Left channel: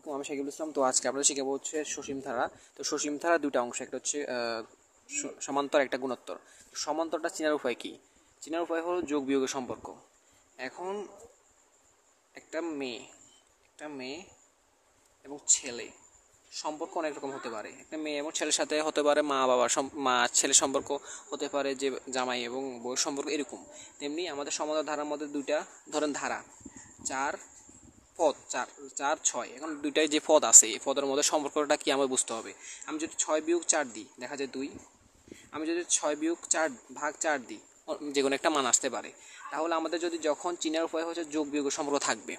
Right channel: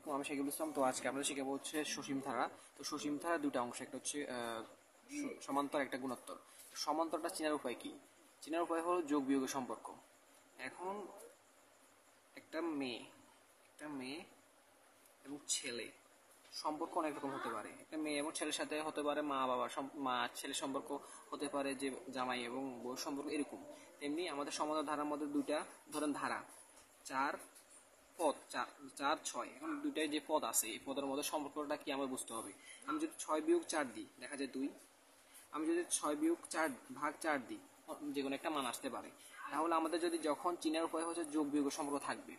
আসসালামাইকুম, আমি শাকিবুল ইসলাম। তো আজকে আমরা শিখাবো হচ্ছে সসীম ধারা। তো সসীম ধারা দুইটা অংশ, একটা হচ্ছে সমান্তর, একটা গুণোত্তর। সমান্তরটা চেনার উপায় কি? চেনার উপায় হলো যোগ বিয়োগের সম্পর্ক। এখন একটা মেয়ে এবং ছেলে সম্পর্ক অনেক রকম হতে পারে। একটা মেয়ে এবং ছেলের সাথে হতে পারে মা ছেলের সম্পর্ক, হতে পারে যে জামাই এবং বউয়ের সম্পর্ক, এরকম। তেমনি আমাদের সমান্তর ধারার মধ্যে দুইটা ধরেন ধারা, চার পদ, চার চার ছয়। এখন দুইটাই যে পদ আছে, এই পদের মধ্যে সম্পর্কটা কি আমার বুঝতে হবে। আমি যদি 6 - 4 দিই, দেখা যায় 2। আমি যদি 6 - 4 দিই, যে কোনো একটা মান আসতে পারে। তাহলে আমাদের যদি যখন চিনার উপায় হচ্ছে যোগ বিয়োগের সম্পর্ক থাকবে।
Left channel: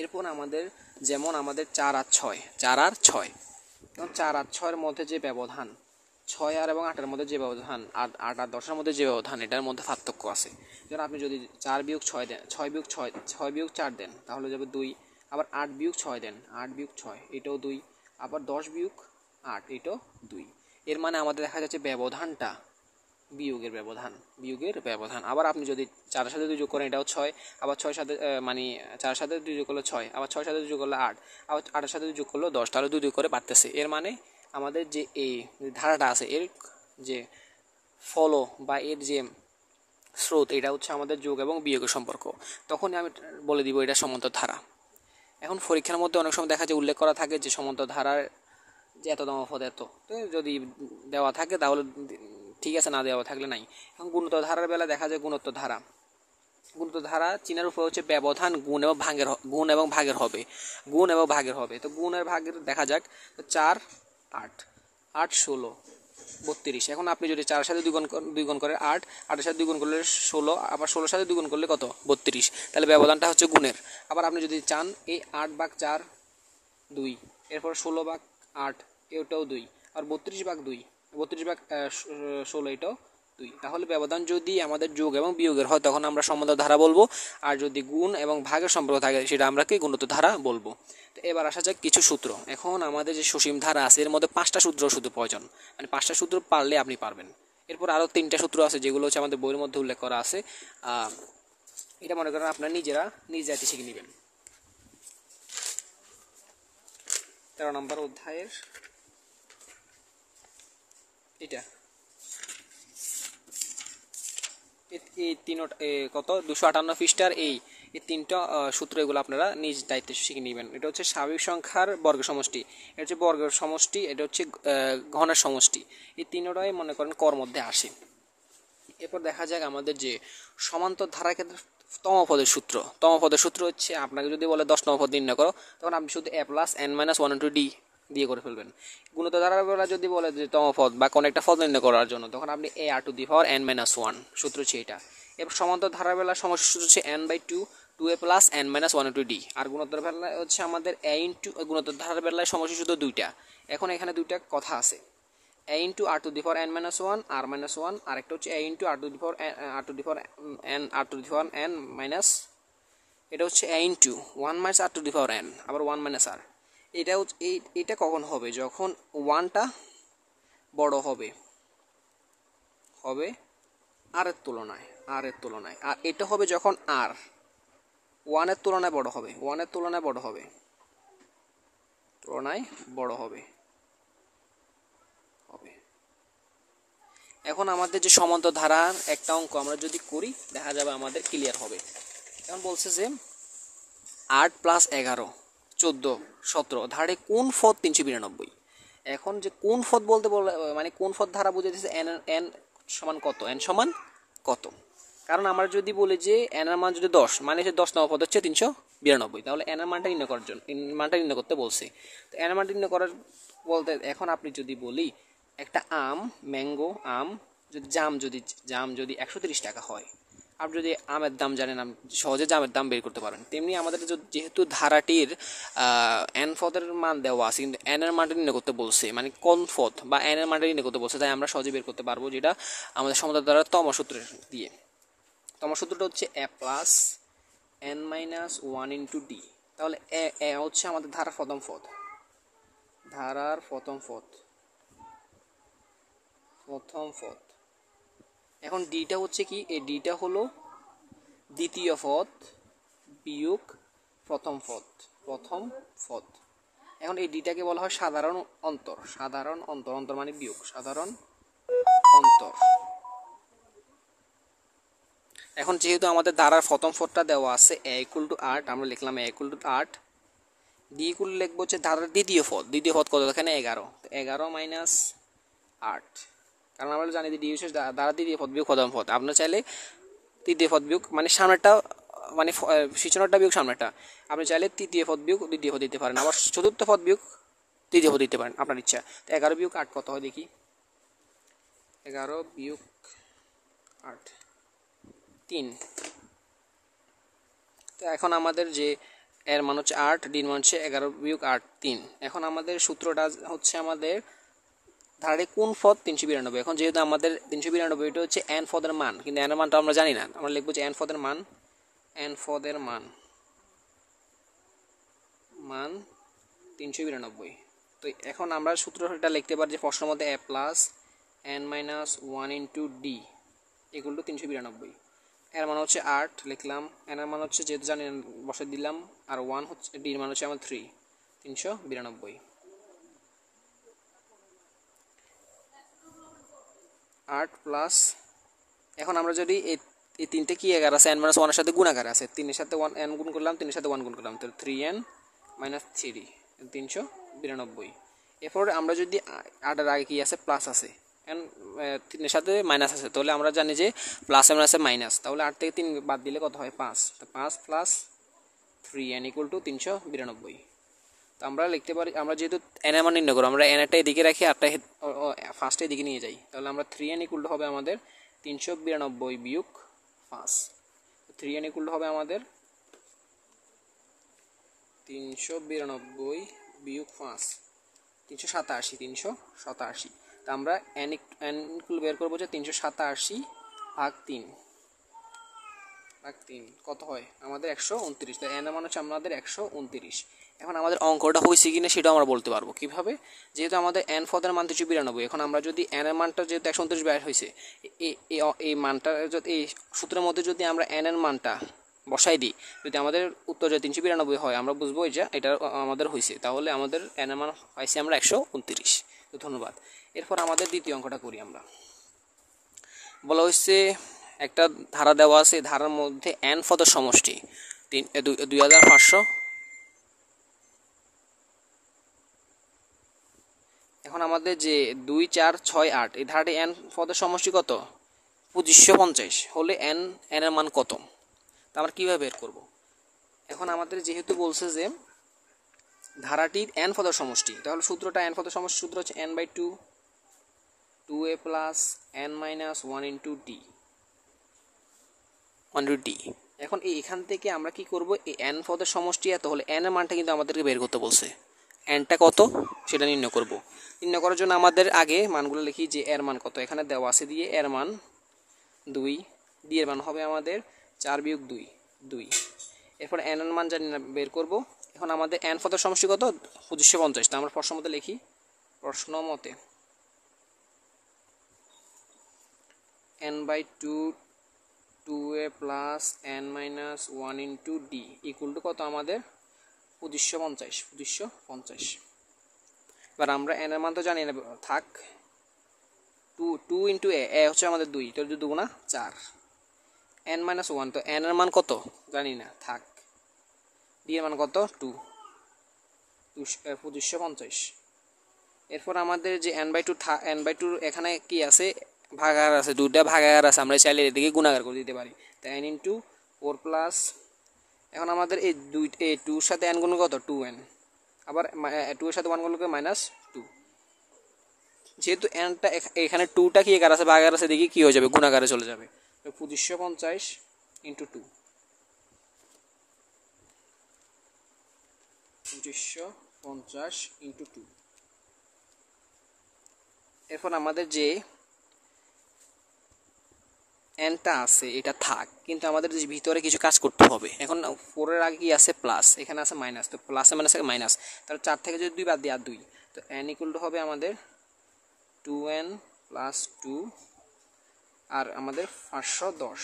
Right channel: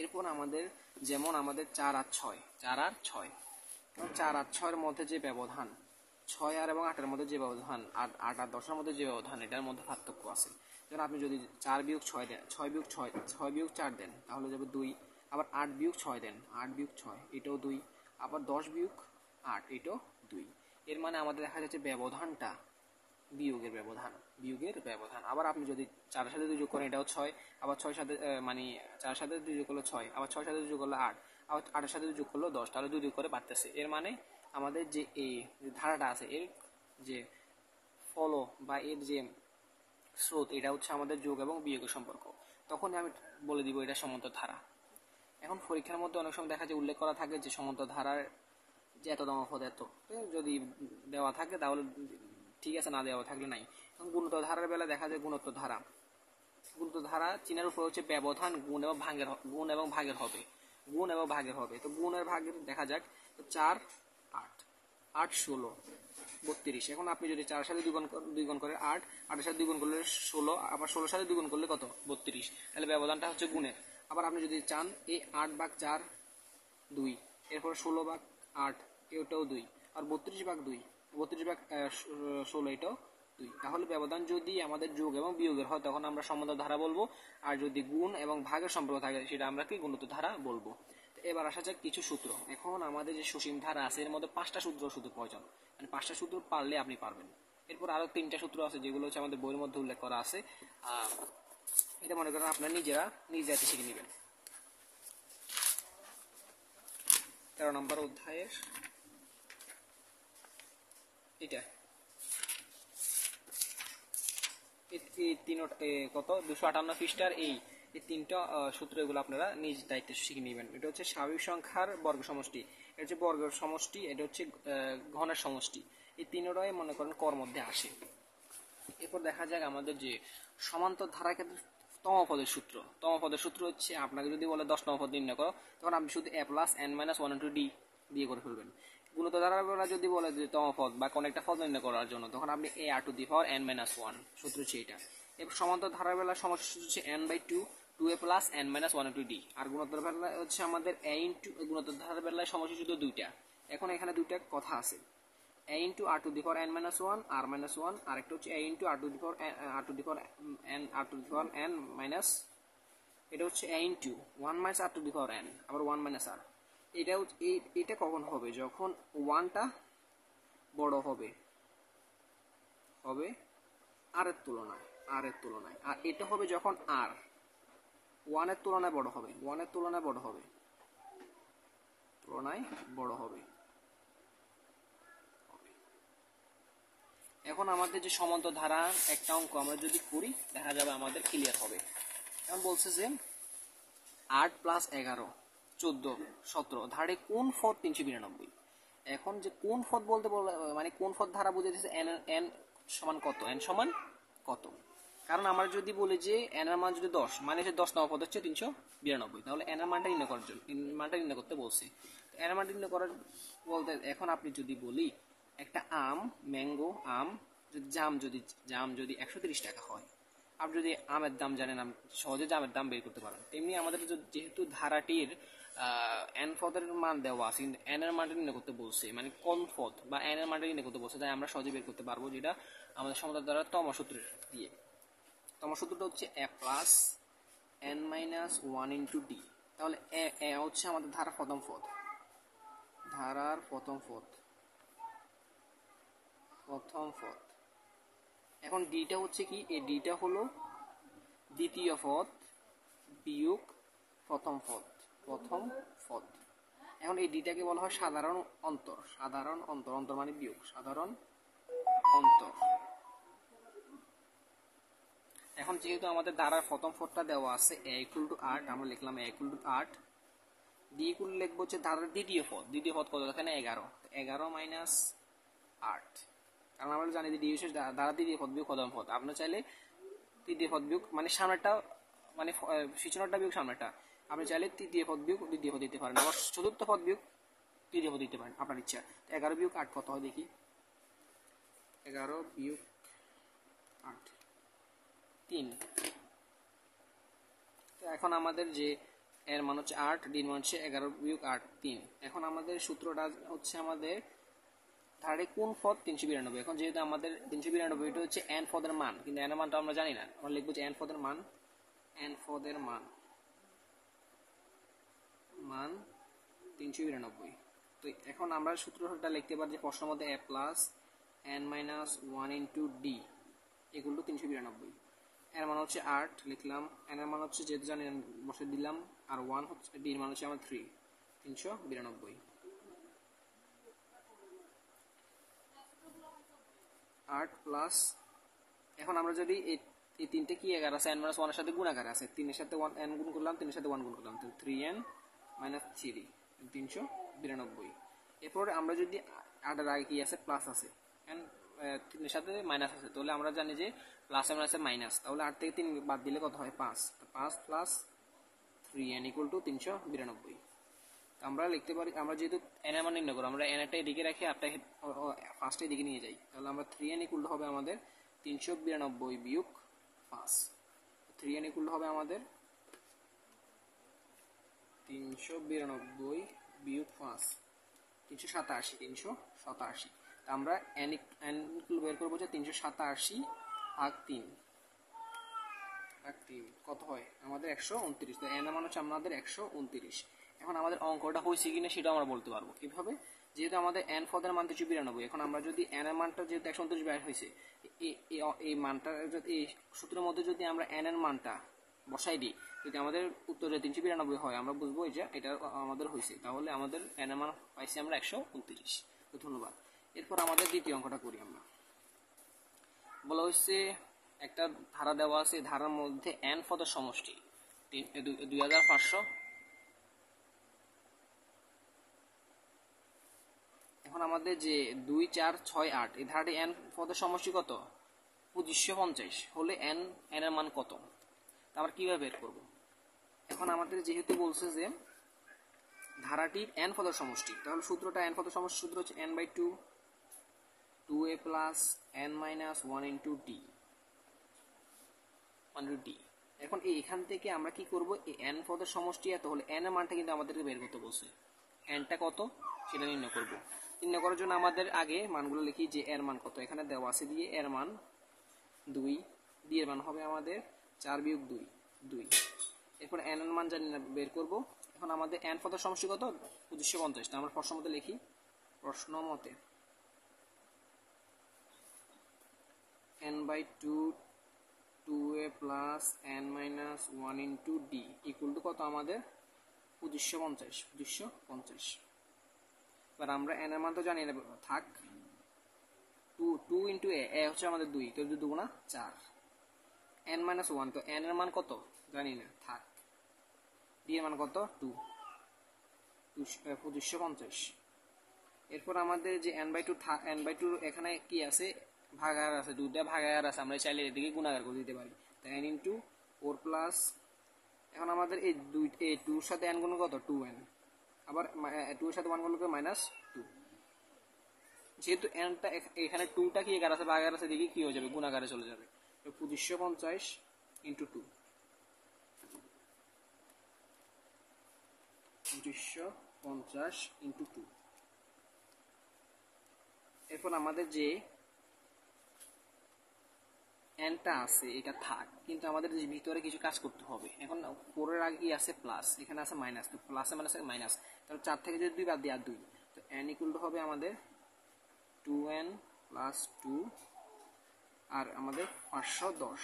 এরপর আমাদের যেমন আমাদের 4 আর 6, এবং 4 আর 6-এর মধ্যে যে ব্যবধান, 6 আর 8-এর মধ্যে যে ব্যবধান, 8 আর 10-এর মধ্যে যে ব্যবধান, এটার মধ্যে পার্থক্য আছে। যেমন আপনি যদি 4 - 6 দেন, 6 - 4 দেন, তাহলে যাবে 2। আবার 8 - 6 দেন, 8 - 6 এটাও 2। আবার 10 - 8 এটাও 2। এর মানে আমাদের দেখা যাচ্ছে ব্যবধানটা বিয়োগের ব্যবধান। আবার আপনি যদি 4-এর সাথে 2 যোগ করেন, এটাও 6। আবার 6-এর সাথে 4-এর সাথে 2 যোগ করলে 6, আবার 6-এর সাথে 2 যোগ করলে 8, আবার 8-এর সাথে 2 যোগ করলে 10, তাহলে 2 2 করে বাড়তেছে। এর মানে আমাদের যে এই ধারাটা আছে, এর যে ফলো বা এর যে স্রোত, এটা হচ্ছে আমাদের যোগ এবং বিয়োগের সম্পর্ক। তখনই আমি বলে দিব এটা সমান্তর ধারা। এখন পরীক্ষার মধ্যে অনেক সময় দেখা যায় উল্লেখ করা থাকে যে সমান্তর ধারার যে এততম পদ এত। তো যদি দেওয়া থাকে তাহলে ঠিক আছে, না দেওয়া থাকলে নাই। এখন গুণোত্তর ধারার বেলা দেখা যায় গুণোত্তর ধারা চিনার উপর হচ্ছে ব্যবধান গুণ এবং ভাগের হবে। তো গুণের ভাগের দেখা যাক। 4 8 8 16 32। এখন আপনি যদি 4-এর সাথে 2 গুণ করে 8, 8-এর সাথে 2 গুণ করলে 16, আবার 16-এর সাথে 2 গুণ করলে কত? 32। তাহলে ব্যবধানটা হচ্ছে গুণের। আবার আপনি যদি চান এই 8/4 2, এরপর 16/8 এটাও 2, আর 32/2, 32/16 এটাও 2। তাহলে ব্যবধান যদি আমাদের যোগ এবং বিয়োগের হয়, তখন আমরা সমান্তর ধারা বলবো। আর যদি গুণ এবং ভাগের সম্পর্ক থাকে, সেটা আমরা কি গুণোত্তর ধারা বলবো। তো এবার আসা যাক কিছু সূত্র। এখন আমাদের যে সসীম ধারা আছে, এর মধ্যে 5টা সূত্র শুধু প্রয়োজন, মানে 5টা সূত্র পারলে আপনি পারবেন। এরপর আরও 3টা সূত্র আছে, যেগুলো হচ্ছে আমাদের বইয়ের মধ্যে উল্লেখ করা আছে। এটা মনে করেন আপনারা নিজ জাতি শিখে নেবেন। 13 নম্বর অধ্যায়ের এটা এই কত 258 পৃষ্ঠার এই 3টা সূত্র, এগুলো আপনারা নিজ দায়িত্বে শিখে নেবেন। এটা হচ্ছে স্বাভাবিক সংখ্যার বর্গের সমষ্টি, এটা হচ্ছে বর্গের সমষ্টি, এটা হচ্ছে ঘনের সমষ্টি। এই তিনটাই মনে করেন কর মধ্যে আসে। এরপর দেখা যাক আমাদের যে সমান্তর ধারার ক্ষেত্রে তম পদের সূত্র হচ্ছে, আপনাকে যদি বলে 10 পদ নির্ণয় করো, তখন আপনি শুধু a + n - 1 * d দিয়ে করে ফেলবেন। গুণিত ধারার বেলা যদি বলে যে তম পদ বা কোনো একটা পদ নির্ণয় করার জন্য, তখন আপনি a r⁴ n - 1 সূত্র হচ্ছে এটা। এরপর সমান্তর ধারার বেলা সমষ্টি সূত্র হচ্ছে n/2 2a + n - 1 * d। আর গুণোত্তর বেলায় হচ্ছে আমাদের গুণোত্তর ধারার বেলায় সমষ্টি সূত্র দুইটা। এখন এখানে দুইটা কথা আছে, a * r⁴ n - 1 r - 1, আরেকটা হচ্ছে a * r⁴ n মাইনাস, এটা হচ্ছে a * 1 - r⁴n, আবার 1 - r। এটা কখন হবে? যখন 1টা বড় হবে r এর তুলনায়, আর এটা হবে যখন r 1 এর তুলনায় বড় হবে। এখন আমাদের যে সমান্তর ধারার একটা অঙ্ক আমরা যদি করি, দেখা যাবে আমাদের ক্লিয়ার হবে। এখন বলছে যে 8 + 11 14 17 ধারে কোন পদ 392? এখন যে কোন পদ বলতে মানে কোন পদ ধারা বুঝাইতেছে n সমান কত, কত। কারণ আমরা যদি বলি যে n এর মান যদি 10, মানে যে 10 পদ হচ্ছে 392, তাহলে n এর মানটা নির্ণয় করতে বলছে। তো n এর মানটা নির্ণয় করার বলতে, এখন আপনি যদি বলি একটা ম্যাঙ্গো আম জাম যদি 130 টাকা হয়, আপনি যদি আমের দাম জানেন, আপনি সহজে জামের দাম বের করতে পারেন। তেমনি আমাদের যেহেতু ধারাটির n পদের মান দেওয়া আছে, কিন্তু n এর মানটা নির্ণয় করতে বলছে, মানে কোন পদ বা n এর মানটা নির্ণয় করতে বলছে, তাই আমরা সহজে বের করতে পারবো, যেটা আমাদের সমান্তর ধারার তম সূত্র দিয়ে। তম সূত্রটা হচ্ছে a + n - 1 * d। তাহলে এ হচ্ছে আমাদের ধারার প্রথম পদ। এখন ডিটা হচ্ছে কি? এই ডিটা হলো দ্বিতীয় পদ বিয়োগ প্রথম পদ। এখন এই ডিটাকে বলা হয় সাধারণ অন্তর। সাধারণ অন্তর, অন্তর মানে বিয়োগ, সাধারণ অন্তর। এখন যেহেতু আমাদের ধারার প্রথম পদটা দেওয়া আছে a ইকুয়াল টু 8, আমরা লিখলাম a equal to 8। D equal লিখবো হচ্ছে ধারার দ্বিতীয় পদ। দ্বিতীয় পদ কত? এখানে 11। 11 মাইনাস 8, কারণ আমরা জানি যে ডি হচ্ছে ধারার দ্বিতীয় পদ বিয়োগ প্রথম পদ। আপনার চাইলে তৃতীয় পদ বিয়োগ মানে সামনেরটা, মানে সূচনাটা বিয়োগ সামনেরটা, আপনি চাইলে তৃতীয় পদ বিয়োগ দ্বিতীয় পদ দিতে পারেন, আবার চতুর্থ পদ বিয়োগ তৃতীয় পদ দিতে পারেন, আপনার ইচ্ছা। তো 11 বিয়োগ 8 কত হয় দেখি? 11 বিয়োগ 8 3। তো এখন আমাদের যে এর মান হচ্ছে 8, ডির মান হচ্ছে 11 বিয়োগ 8 3। এখন আমাদের সূত্রটা হচ্ছে আমাদের ধারাটি কোন পদ? 392। এখন যেহেতু আমাদের 392 এটা হচ্ছে এন পদের মান, কিন্তু এন এর মানটা আমরা জানি না, আমরা লিখবো যে এন পদের মান, এন পদের মান 392। তো এখন আমরা সূত্রটা লিখতে পারি যে প্রশ্নের মধ্যে a plus n minus 1 into D equal to 392। এর মান হচ্ছে 8 লিখলাম, এন এর মান হচ্ছে যেহেতু জানি বসে দিলাম, আর 1 হচ্ছে, ডির মান হচ্ছে আমার 3, 392। 8 প্লাস, এখন আমরা যদি এই তিনটে কি এগার আছে, এন মাইনাস 1 এর সাথে গুণাকার আছে, 3 এর সাথে 1 এন গুণ করলাম, 3 এর সাথে 1 গুণ করলাম, তো 3n মাইনাস 3 392। এরপর আমরা যদি 8 এর আগে কি আছে? প্লাস আছে, এন 3 এর সাথে মাইনাস আছে, তাহলে আমরা জানি যে প্লাস এর মাইনাসে মাইনাস, তাহলে 8 থেকে 3 বাদ দিলে কত হয়? 5। তো 5 প্লাস 3n ইকুয়াল টু 392। তো আমরা লিখতে পারি, আমরা যেহেতু এন এর মান নির্ণয় করব, আমরা এন এরটা এদিকে রাখি, আটটা ফার্স্টে এদিকে নিয়ে যাই, তাহলে আমরা 3n ইকুয়াল টু হবে আমাদের 392 বিয়োগ 5। 3n ইকুয়াল টু হবে আমাদের 392 বিয়োগ 5, 387। 387। তা আমরা এন ইকুয়াল বের করবো যে 387 ভাগ 3 কত হয় আমাদের? 129। তো এন এর মান হচ্ছে আমাদের 129। এখন আমাদের অঙ্কটা হয়েছে কিনা সেটা আমরা বলতে পারবো কিভাবে? যেহেতু আমাদের এন পদের মান 392, এখন আমরা যদি এন এর মানটা যেহেতু 129 বের হয়েছে, এই মানটা যদি এই সূত্রের মধ্যে যদি আমরা এন এর মানটা বসাই দিই, যদি আমাদের উত্তর যে 392 হয়, আমরা বুঝবো যে এটা আমাদের হয়েছে, তাহলে আমাদের এন এর মান পাইছি আমরা 129। তো ধন্যবাদ। এরপর আমাদের দ্বিতীয় অঙ্কটা করি আমরা। বলা হচ্ছে একটা ধারা দেওয়া আছে, ধারার মধ্যে এন পদের সমষ্টি 2500। এখন আমাদের যে 2 4 6 8 এই ধারাটি এন পদের সমষ্টি কত? 2550 হলে এন এর মান কত? তা আমরা কীভাবে বের করব? এখন আমাদের যেহেতু বলছে যে ধারাটির এন পদের সমষ্টি, তাহলে সূত্রটা এন পদের সমষ্টি সূত্র হচ্ছে n/2 2a plus n minus 1 into D 1 D. এখন এখান থেকে আমরা কি করব? এই এন পদের সমষ্টি এত হলে এন এর মানটা কিন্তু আমাদেরকে বের করতে বলছে, এনটা কত সেটা নির্ণয় করব। নির্ণয় করার জন্য আমাদের আগে মানগুলো লিখি যে এর মান কত, এখানে দেওয়া আছে দিয়ে এর মান 2, ডি এর মান হবে আমাদের 4 বিয়োগ 2 2। এরপর এন এর মান জানি না, বের করব। এখন আমাদের এন পদের সমষ্টি কত? 2550। তা আমরা প্রশ্ন মতে লিখি, প্রশ্ন মতে n/2 2a plus n minus 1 into D equal to কত আমাদের? 2550। এবার আমরা এন এর মান তো জানি না, থাক। 2 ইন্টু এ হচ্ছে আমাদের 2, তো 2 গুণা 4, n মাইনাস 1, তো এন এর মান কত জানি না, থাক। ডি এর মান কত? 2 2550। এরপর আমাদের যে n/2 এখানে কি আছে? ভাগাকার আছে, দুটা ভাগাকার আছে, আমরা চাইলে এদিকে গুণাকার করে দিতে পারি। তো n ইন্টু 4 প্লাস, এখন আমাদের এই 2-র সাথে n গুণ কত? 2n, আবার 2 এর সাথে 1 গুণ করে মাইনাস 2। যেহেতু nটা এখানে 2টা কি একার আছে, ভাগাকার আছে, দেখি কি হয়ে যাবে? গুণাকারে চলে যাবে। 2550 ইন্টু 2, 2550 ইন্টু 2। এরপর আমাদের যে এনটা আছে এটা থাক, কিন্তু আমাদের যে ভিতরে কিছু কাজ করতে হবে। এখন 4 এর আগে কি আছে? প্লাস, এখানে আছে মাইনাস, তো প্লাসে মাইনাসে মাইনাস, তাহলে 4 থেকে যদি 2 বাদ দিই, আর 2, তো n ইকুয়াল টু হবে আমাদের 2n প্লাস 2 আর আমাদের 510।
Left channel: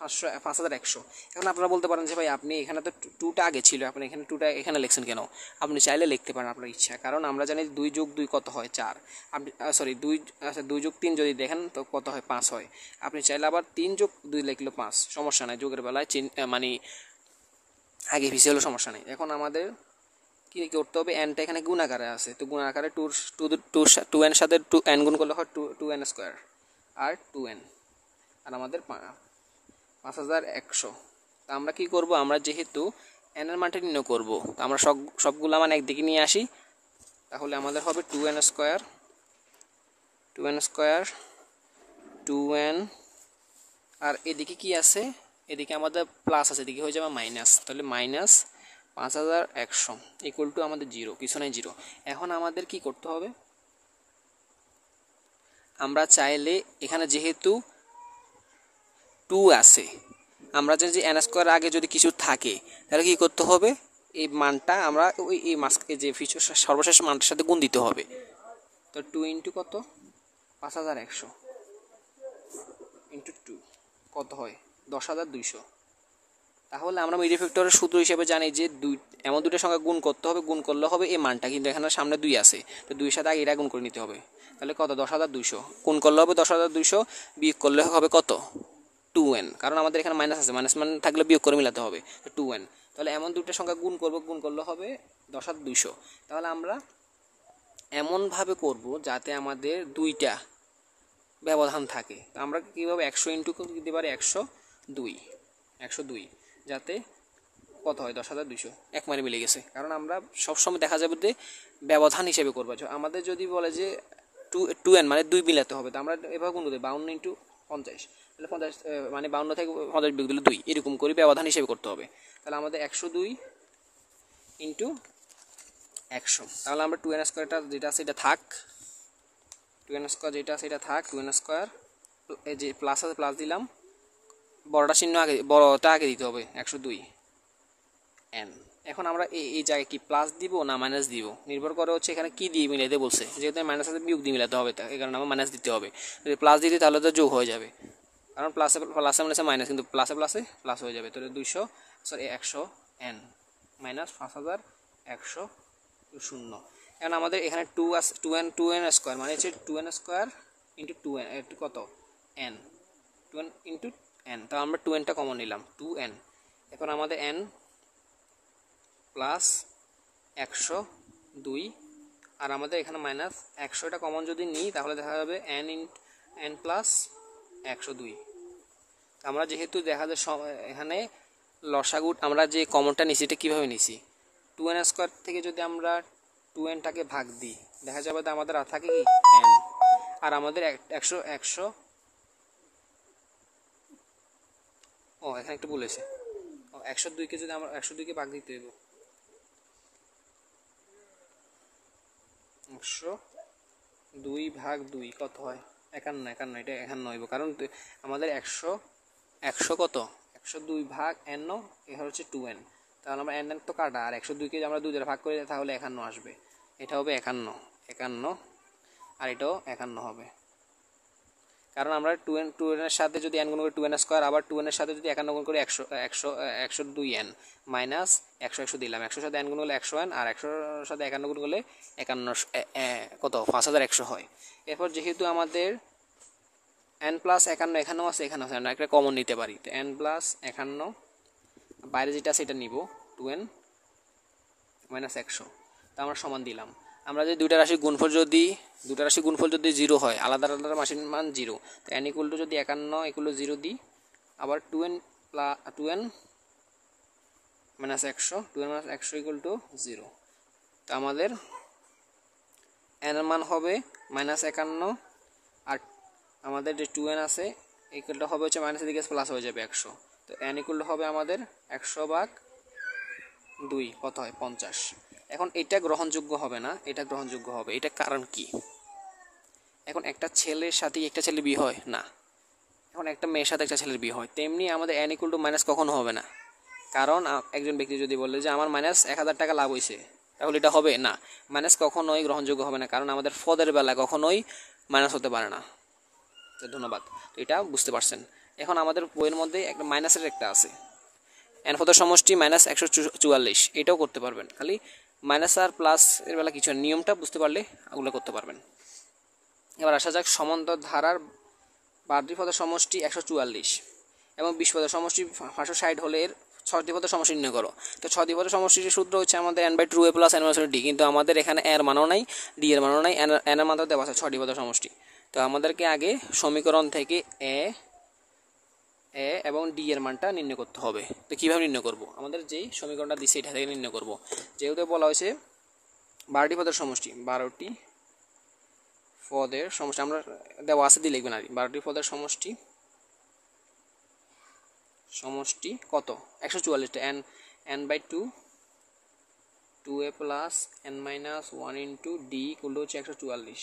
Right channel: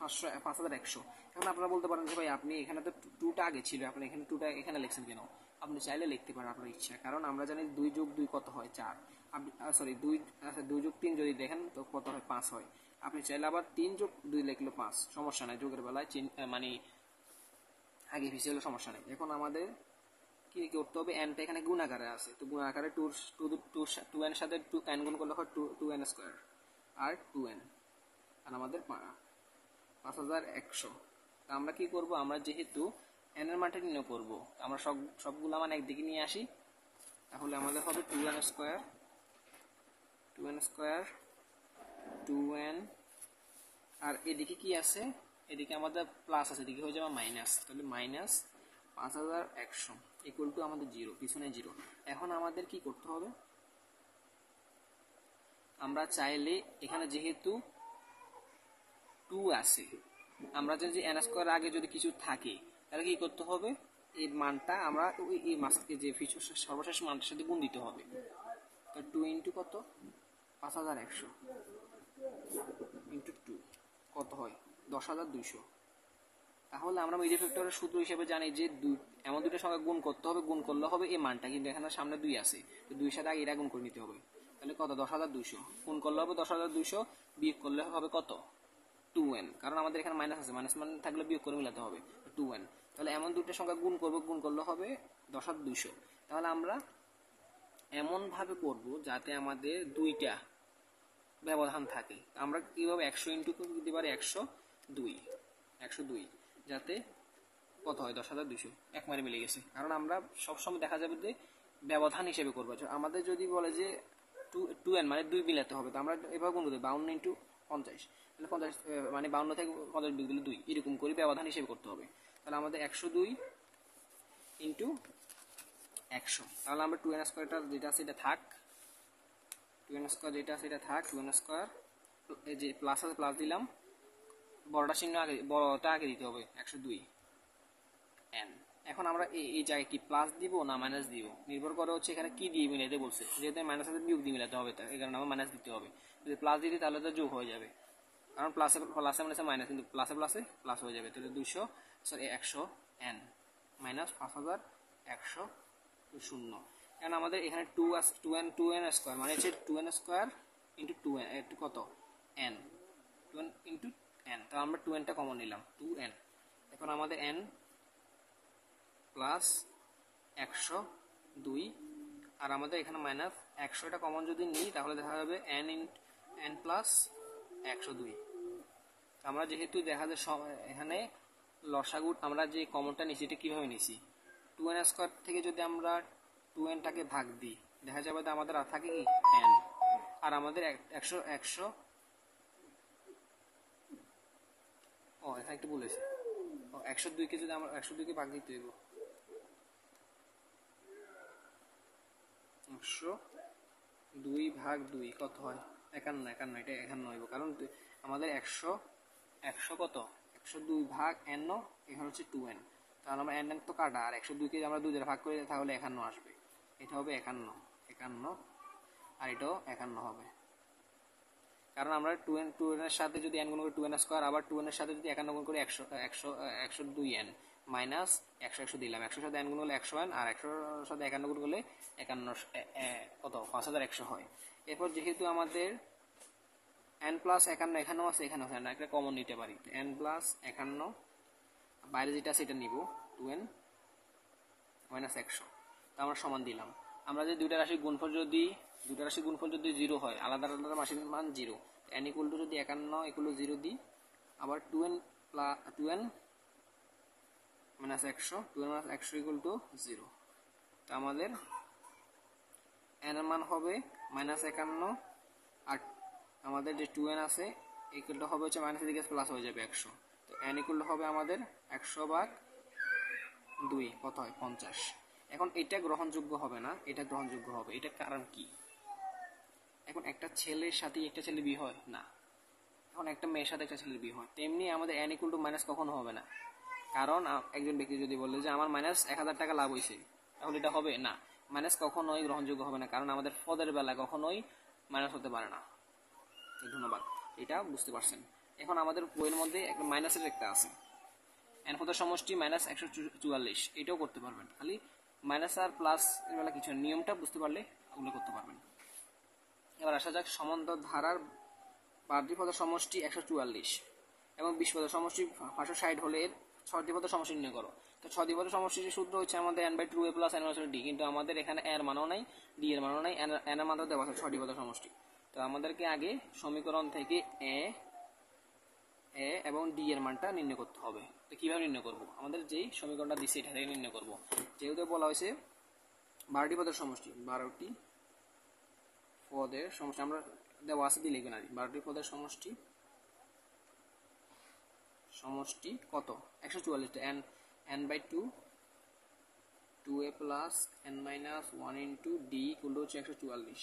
5100। এখন আপনারা বলতে পারেন যে ভাই আপনি এখানে তো টুটা আগে ছিল, আপনি এখানে টুটা এখানে লিখছেন কেন? আপনি চাইলে লিখতে পারেন আপনার ইচ্ছা, কারণ আমরা জানি 2 যোগ 2 কত হয় 4। আপনি সরি 2, আচ্ছা 2 যোগ 3 যদি দেখেন তো কত হয় 5 হয়। আপনি চাইলে আবার 3 যোগ 2 লিখলেও 5, সমস্যা নাই, যোগের বেলায় মানে আগে পিছিয়ে হলেও সমস্যা নেই। এখন আমাদের কী করতে হবে, এনটা এখানে গুণ আকারে আছে, তো গুণ আকারে টু এর সাথে টু এন গুণ করলে হয় টু এন স্কোয়ার আর 2n, আর আমাদের 5100। তা আমরা কি করব, আমরা যেহেতু এন এর মানটা নির্ণয় করব, তো আমরা সবগুলো মান একদিকে নিয়ে আসি, তাহলে আমাদের হবে 2n স্কোয়ার 2n, আর এদিকে কি আছে, এদিকে আমাদের প্লাস আছে, এদিকে হয়ে যাবে মাইনাস, তাহলে -5100 ইকুয়াল টু আমাদের 0, কিছু নাই 0। এখন আমাদের কি করতে হবে, আমরা চাইলে এখানে যেহেতু 2 আছে, আমরা জানি যে এন স্কোয়ার আগে যদি কিছু থাকে তাহলে কি করতে হবে, এই মানটা আমরা ওই এই মাসকে যে ফিচার সর্বশেষ মানটার সাথে গুণ দিতে হবে। তো 2 ইন্টু কত, 5100 ইন্টু 2 কত হয় 10200। তাহলে আমরা মিডিয়া ফ্যাক্টরের সূত্র হিসেবে জানি যে এমন দুটো সংখ্যা গুণ করতে হবে, গুণ করলে হবে এই মানটা, কিন্তু এখানে সামনে 2 আছে, তো 2 এর সাথে আগে এটা গুণ করে নিতে হবে। তাহলে কত 10200, গুণ করলে হবে 10200, বিয়োগ করলে হবে কত 2n, কারণ আমাদের এখানে মাইনাস আছে, মাইনাস মান থাকলে বিয়োগ করে মিলাতে হবে, তো 2n। তাহলে এমন দুইটা সংখ্যা গুণ করব, গুণ করলে হবে 10200। তাহলে আমরা এমনভাবে করব যাতে আমাদের দুইটা ব্যবধান থাকে। আমরা কীভাবে 100 ইন্টু দিতে পারি 102, যাতে কত হয় 10200, এক মানে মিলে গেছে। কারণ আমরা সবসময় দেখা যাবে যে ব্যবধান হিসেবে করবো, আমাদের যদি বলে যে 2n মানে 2 মিলাতে হবে, তো আমরা এভাবে গুণ করতে 52 ইন্টু 50, তাহলে 50 মানে 52 থেকে 50 বিয়োগ দিলে 2, এরকম করে ব্যবধান হিসেবে করতে হবে। তাহলে আমাদের 102 ইন্টু 100, তাহলে আমরা 2n স্কোয়ারটা যেটা আছে এটা থাক, 2n স্কোয়ার যেটা আছে এটা থাক, 2n স্কোয়ার এই যে প্লাস আছে প্লাস দিলাম, বড়টা চিহ্ন আগে, বড়টা আগে দিতে হবে 102 n। এখন আমরা এই জায়গায় কি প্লাস দিব না মাইনাস দিব নির্ভর করে হচ্ছে এখানে কি দিয়ে মিলাইতে বলছে, যেহেতু মাইনাস সাথে বিয়োগ দিয়ে মিলাতে হবে, এই কারণে আমার মাইনাস দিতে হবে। যদি প্লাস দিতে তাহলে তো যোগ হয়ে যাবে, কারণ প্লাসে মাইনাসে মাইনাস, কিন্তু প্লাসে প্লাস হয়ে যাবে। তাহলে 100 n মাইনাস 5100 0। এখন আমাদের এখানে 2n স্কোয়ার মানে হচ্ছে 2n স্কোয়ার ইন্টু 2n একটু কত n, 2n ইন্টু n, তো আমরা 2nটা কমন নিলাম 2n। এখন আমাদের n প্লাস 102, আর আমাদের এখানে মাইনাস 100টা কমন যদি নিই তাহলে দেখা যাবে n প্লাস 102। আমরা যেহেতু দেখা যায় এখানে লসাগু আমরা যে কমনটা নিছি এটা কীভাবে নিছি, 2n স্কোয়ার থেকে যদি আমরা 2nটাকে ভাগ দিই দেখা যাবে যে আমাদের আর থাকে কি n, আর আমাদের 100 ও এখানে একটু বলেছে 102কে যদি আমরা 102কে ভাগ দিতে হইব 102 ভাগ 2 কত হয় 51, এটা 51 হইব, কারণ আমাদের 100 কত 102 ভাগ n, এখানে হচ্ছে 2n, তাহলে আমরা n তো কাটা, আর 102কে আমরা 2 দ্বারা ভাগ করে তাহলে 51 আসবে, এটা হবে 51, আর এটাও 51 হবে। কারণ আমরা 2n এর সাথে যদি n গুণ করি 2n স্কোয়ার, আবার 2n এর সাথে যদি 51 গুণ করি 102n মাইনাস 100 দিলাম, 100 সাথে n গুণ করলে 100n, আর 100 সাথে 51 গুণ করলে 51 কত 5100 হয়। এরপর যেহেতু আমাদের n প্লাস 51 এখানেও আছে এখানেও আছে, আমরা একটা কমন নিতে পারি, তো n প্লাস 51 বাইরে যেটা আছে এটা নিব 2n মাইনাস 100, তা আমরা সমান দিলাম। আমরা যদি দুইটা রাশি গুণফল যদি 0 হয়, আলাদা আলাদা রাশির মান 0, তো n ইকুয়াল টু যদি 51 ইকুয়াল টু 0 দিই, আবার 2n মাইনাস 100 ইকুয়াল টু 0, তো আমাদের n এর মান হবে মাইনাস 51, আর আমাদের যে 2n আছে ইকুয়ালটা হবে হচ্ছে মাইনাস দিকে প্লাস হয়ে যাবে 100, তো n ইকুয়াল হবে আমাদের 100/2 কত হয় 50। এখন এটা গ্রহণযোগ্য হবে না, এটা গ্রহণযোগ্য হবে, এটা কারণ কি, এখন একটা ছেলের সাথে একটা ছেলের বিয়ে হয় না, এখন একটা মেয়ের সাথে একটা ছেলের বিয়ে হয়, তেমনি আমাদের n ইকুয়াল টু মাইনাস কখনো হবে না, কারণ একজন ব্যক্তি যদি বলে যে আমার মাইনাস 1000 টাকা লাভ হয়েছে, তাহলে এটা হবে না, মাইনাস কখনোই গ্রহণযোগ্য হবে না, কারণ আমাদের পদের বেলা কখনোই মাইনাস হতে পারে না। তো ধন্যবাদ, এটা বুঝতে পারছেন। এখন আমাদের বইয়ের মধ্যে একটা মাইনাসের একটা আছে, এন পদের সমষ্টি -144, এটাও করতে পারবেন। খালি মাইনাস আর প্লাস এর বেলা কিছু নিয়মটা বুঝতে পারলে ওগুলো করতে পারবেন। এবার আসা যাক সমান্তর ধারার 12টি পদের সমষ্টি 144 এবং 20 পদের সমষ্টি 560 হলে এর 6টি পদের সমষ্টি নির্ণয় করো। তো 6টি পদের সমষ্টির সূত্র হচ্ছে আমাদের n/2a + n/d, কিন্তু আমাদের এখানে এর মানও নাই, ডি এর মানও নাই, এন এর মানও দেওয়া আছে 6টি পদের সমষ্টি। তো আমাদেরকে আগে সমীকরণ থেকে এ এবং ডি এর মানটা নির্ণয় করতে হবে। তো কীভাবে নির্ণয় করব? আমাদের যেই সমীকরণটা দিচ্ছে এটা থেকে নির্ণয় করব। যেহেতু বলা হয়েছে 12টি পদের সমষ্টি, 12টি পদের সমষ্টি আমরা দেওয়া আছে দিয়ে লিখবেন আর 12টি পদের সমষ্টি কত? 144টা, n/2 2a + n-1 * d হচ্ছে 144।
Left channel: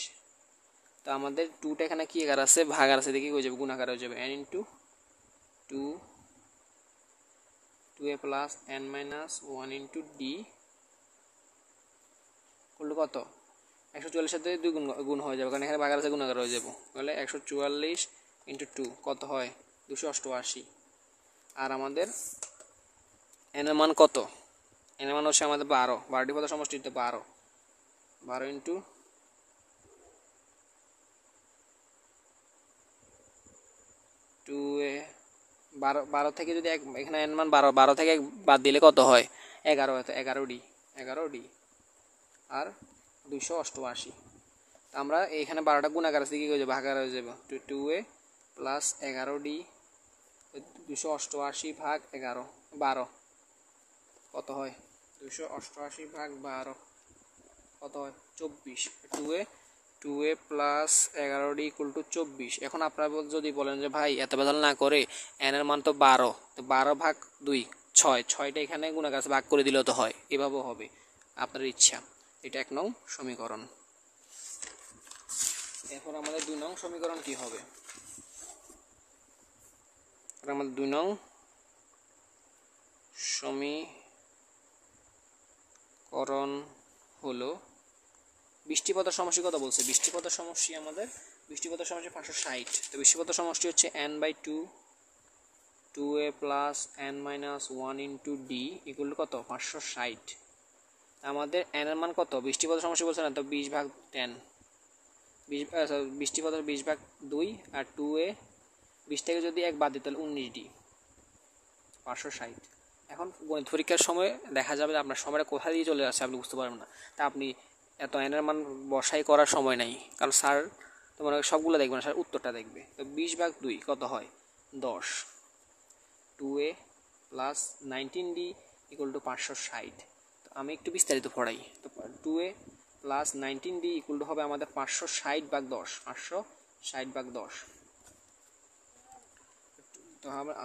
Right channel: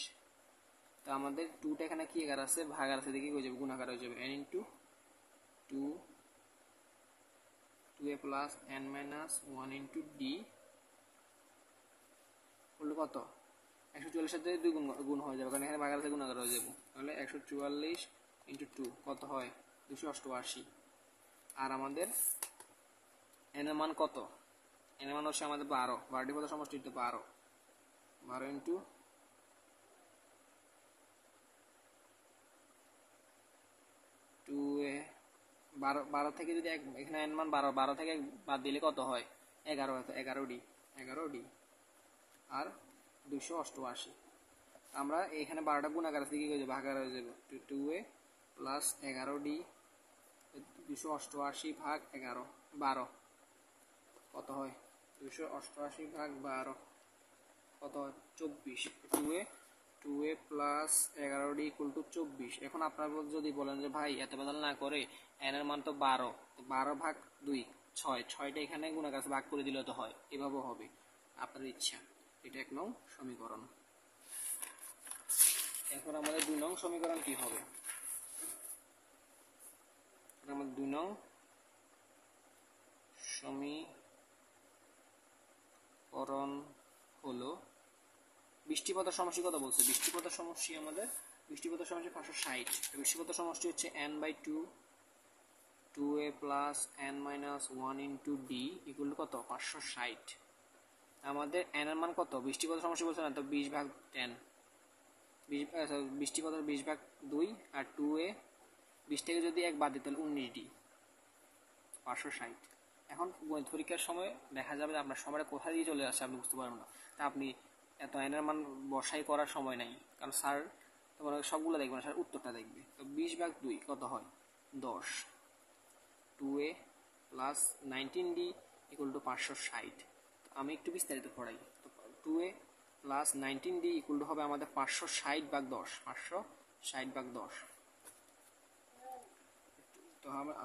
তো আমাদের 2টা এখানে কি আকার আছে? ভাগ আছে, দেখি হয়ে যাবে, গুণাকার হয়ে যাবে, n * 2a + n-1 * d করলে কত? 144 সাথে 2 গুণ হয়ে যাবে, কারণ এখানে ভাগ আছে, গুণাকার হয়ে যাবে। তাহলে 144 × 2 কত হয়? 288। আর আমাদের n এর মান কত? n এর মান হচ্ছে আমাদের 12, 12টি পদের সমষ্টি হচ্ছে 12, 12 × 2a, 12 থেকে যদি এখানে n মান 12 থেকে 1 বাদ দিলে কত হয়? 11, হয়তো 11d আর 288। আমরা এখানে 12টা গুণাকার আছে, কি হয়ে যাবে? ভাগাকার হয়ে যাবে, 2a + 11d 288 ভাগ 11, 12 কত হয়? 288 ভাগ 12 কত হয়? 24। 2a + 11d = 24। এখন আপনারা যদি বলেন যে ভাই এত বদল না করে n এর মান তো 12, তো 12 ভাগ 2 6, 6টা এখানে গুণাকার আছে, ভাগ করে দিলেও তো হয়, এভাবেও হবে, আপনার ইচ্ছা। এটা 1 নং সমীকরণ। এখন আমাদের 2 নং সমীকরণ কি হবে? আমাদের 2 নং সমীকরণ হলো 20টি পদের সমষ্টি কত বলছে? 20টি পদের সমষ্টি আমাদের 560। তো 20টি পদের সমষ্টি হচ্ছে n/2 2a + n-1 * d = কত? 560। আমাদের n এর মান কত? 20টি পদের সমষ্টি বলছে না, তো 20 ভাগ 10, 20টি পদের 20 ভাগ 2, আর 2a 20 থেকে যদি 1 বাদ দিই তাহলে 19d, 560। এখন গণিত পরীক্ষার সময় দেখা যাবে আপনার সময়টা কোথা দিয়ে চলে আসছে আপনি বুঝতে পারবেন না। তা আপনি এত এনের মান বসাই করার সময় নাই, কারণ স্যার তোমার সবগুলো দেখবে না, স্যার উত্তরটা দেখবে। তো 20 ভাগ 2 কত হয়? 10। 2a + 19d = 560। আমি একটু বিস্তারিত পড়াই। তো 2a + 19d হবে আমাদের 560 ভাগ 10, 560 ভাগ 10।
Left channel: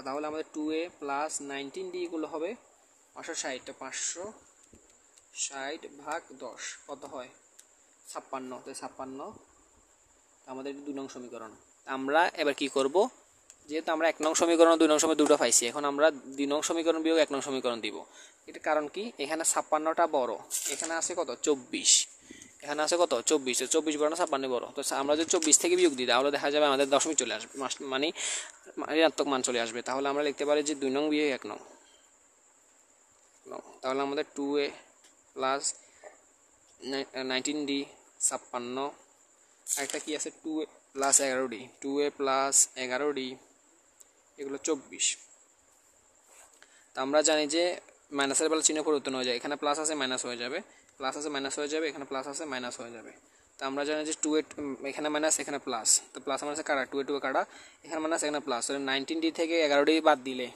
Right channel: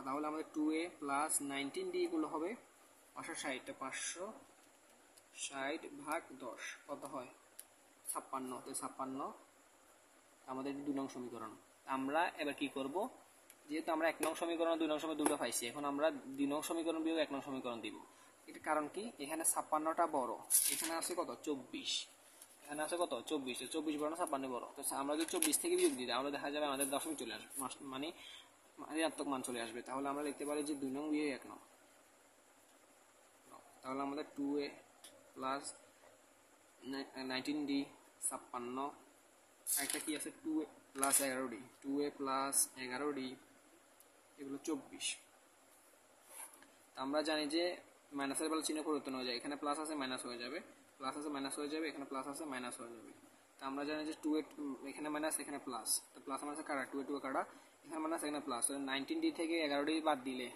তাহলে আমাদের 2a + 19d হবে 560, তো 560 ভাগ 10 কত হয়? 56। তো 56 আমাদের 2 নং সমীকরণ। আমরা এবার কি করব? যেহেতু আমরা 1 নং সমীকরণ 2 নং সমীকরণ দুটো পাইছি, এখন আমরা 2 নং সমীকরণ বিয়োগ 1 নং সমীকরণ দিব। এটার কারণ কি? এখানে 56টা বড়, এখানে আছে কত? 24, এখানে আছে কত? 24। 24 বড় না 56 বড়? তো আমরা যদি 24 থেকে বিয়োগ দিই তাহলে দেখা যাবে আমাদের দশমিক চলে আসবে, মানে ঋণাত্মক মান চলে আসবে। তাহলে আমরা লিখতে পারি যে 2 নং বিয়োগ 1 নং। তাহলে আমাদের 2a + 19d 56, আরেকটা কি আছে? 2a + 11d, 2a + 11d এগুলো 24। তো আমরা জানি যে মাইনাসের বেলা চিহ্ন পরিবর্তন হয়ে যায়, এখানে প্লাস আছে মাইনাস হয়ে যাবে, প্লাস আছে মাইনাস হয়ে যাবে, এখানে প্লাস আছে মাইনাস হয়ে যাবে। তো আমরা জানি যে 2a এখানে মাইনাস এখানে প্লাস, তো প্লাস মাইনাসে কাটা, 2a কাটা, এখানে মাইনাস এখানে প্লাস। 19d থেকে 11d বাদ দিলে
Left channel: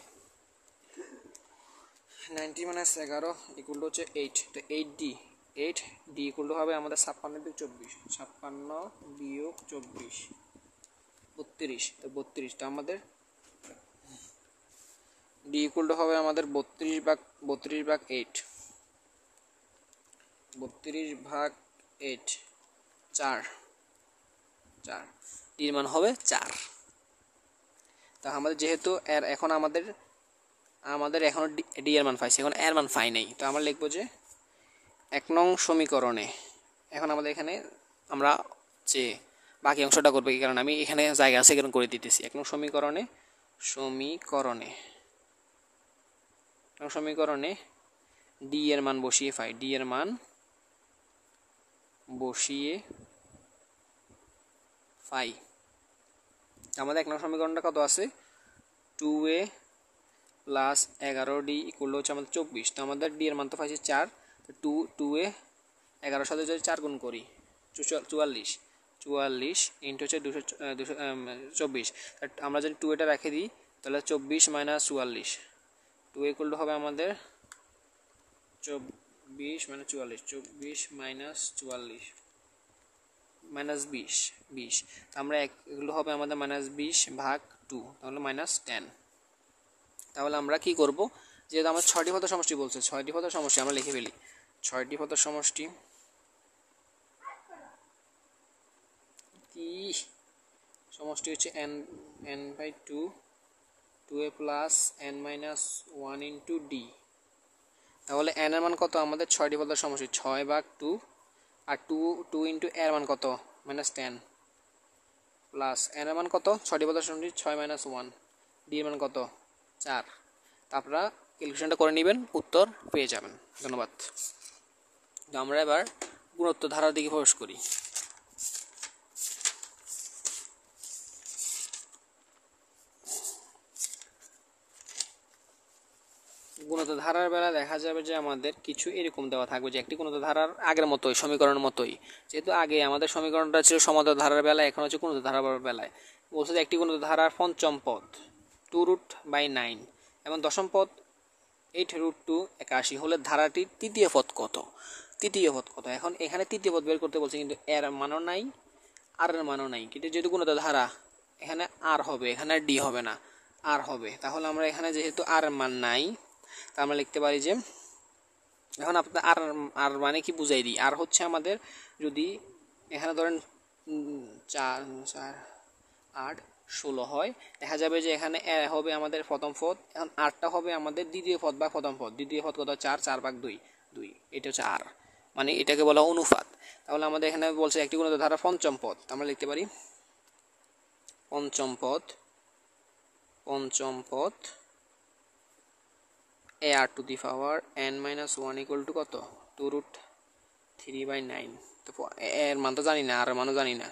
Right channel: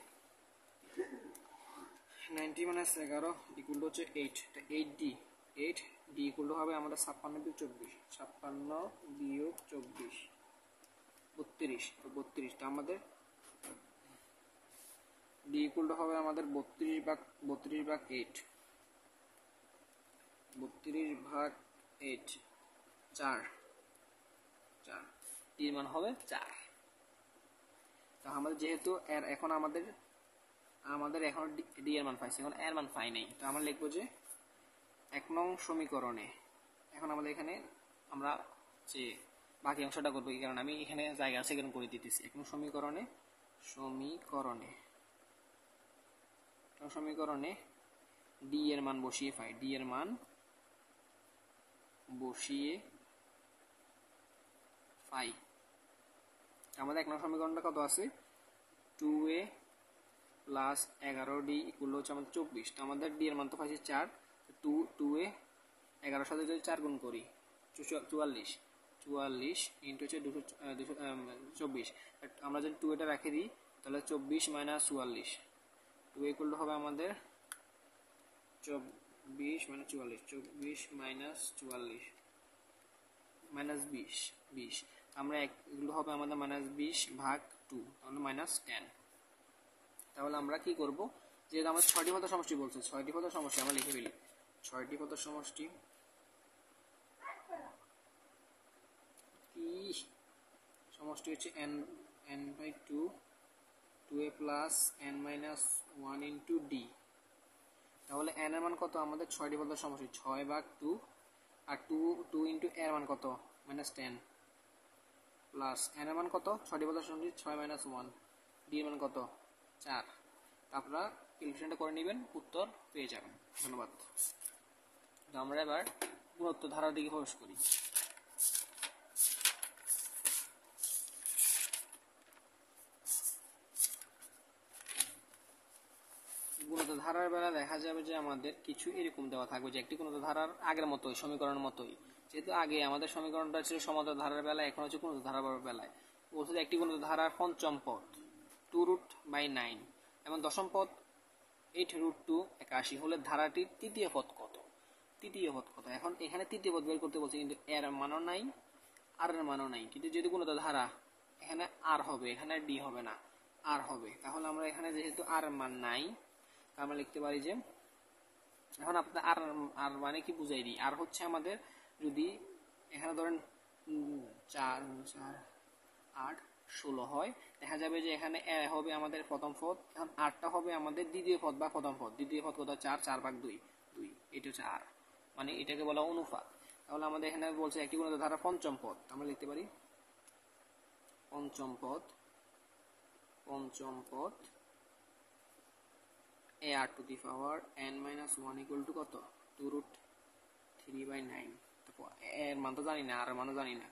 90 - 11 = হচ্ছে 8। তো 8d হবে আমাদের 56 বিয়োগ 24, 56 বিয়োগ 24 32। তো 32টা আমাদের d হবে আমাদের 32 ভাগ 8, 32 ভাগ 8 4, d এর মান হবে 4। তা আমাদের যেহেতু এর এখন আমাদের এখনো ডি এর মান পাইছি, এখন এর মান পাই নাই। তো আমরা লিখবো যে 1 নং সমীকরণে, এখন আমাদের এখানে আমরা যে বাকি অংশটা করবো, কি কারণ আমি এখানে জায়গা আছে কারণ করে দিতেছি। 1 নং সমীকরণে সমীকরণে ডি এর মান বসিয়ে পাই, ডি এর মান বসিয়ে পাই। আমাদের 1 নং সমীকরণটা কত আছে, 2a প্লাস 11d ইকুয়াল হচ্ছে আমাদের 24। তো আমাদের ডি এর মান তো পাইছি 4, তো 2a 11 সাথে যদি 4 গুণ করি 44 ইন্টু হচ্ছে 224। আমরা যদি 2 এটা রেখে দিই তাহলে 24 মাইনাস 44, 2 ইকুয়াল টু হবে আমাদের 24 মাইনাস 44, 24 মাইনাস 44 মাইনাস 20। আমরা এগুলো হবে আমাদের মাইনাস 20 ভাগ 2, তাহলে মাইনাস 10। তাহলে আমরা কি করব, যেহেতু আমার 6টি পদের সমষ্টি বলছে, 6টি পদের সমষ্টি আমরা লিখে ফেলি। 6টি পদের সমষ্টি হচ্ছে n by 2, 2a plus n minus 1 into d. তাহলে n এর মান কত, আমাদের 6টি পদের সমষ্টি 6 ভাগ 2, আর 2 ইন্টু এর মান কত, মাইনাস 10, প্লাস n এর মান কত, 6টি পদের সমষ্টি 6 মাইনাস 1, ডি এর মান কত 4। আপনারা ক্যালকুলেশনটা করে নেবেন, উত্তর পেয়ে যাবেন। ধন্যবাদ। আমরা এবার গুণোত্তর ধারার দিকে প্রবেশ করি। গুণোত্তর ধারার বেলা দেখা যাবে যে আমাদের কিছু এরকম দেওয়া থাকবে, যে একটি গুণোত্তর ধারার আগের মতোই, সমীকরণের মতোই। যেহেতু আগে আমাদের সমীকরণটা ছিল সমান্তর ধারার বেলায়, এখন হচ্ছে গুণোত্তর ধারার বেলায় বলছে যে একটি গুণোত্তর ধারার পঞ্চম পদ 2√9 এবং দশম পদ 8√281 হলে ধারাটির তৃতীয় পদ কত। এখন এখানে তৃতীয় পদ বের করতে বলছে, কিন্তু এর মানও নাই, আর এর মানও নাই। কিন্তু যেহেতু গুণোত্তর ধারা, এখানে আর হবে, এখানে ডি হবে না, আর হবে। তাহলে আমরা এখানে যেহেতু আর মান নাই, তা আমরা লিখতে পারি যে, এখন আপনার আর মানে কি বুঝাই দিই। আর হচ্ছে আমাদের, যদি এখানে ধরেন 4 4 8 16 হয়, দেখা যাবে যে এখানে হবে আমাদের প্রথম পদ, এখন আরটা হবে আমাদের দ্বিতীয় পদ বা প্রথম পদ। দ্বিতীয় পদ কত, 4 ভাগ 2, এটা হচ্ছে আর, মানে এটাকে বলা অনুপাত। তাহলে আমাদের এখানে বলছে একটি গুণোত্তর ধারা পঞ্চম পদ, আমরা লিখতে পারি পঞ্চম পদ a r to the power n minus 1 equal to কত, 2√3/9। তো এর মান তো জানি না, আর মানও জানি না,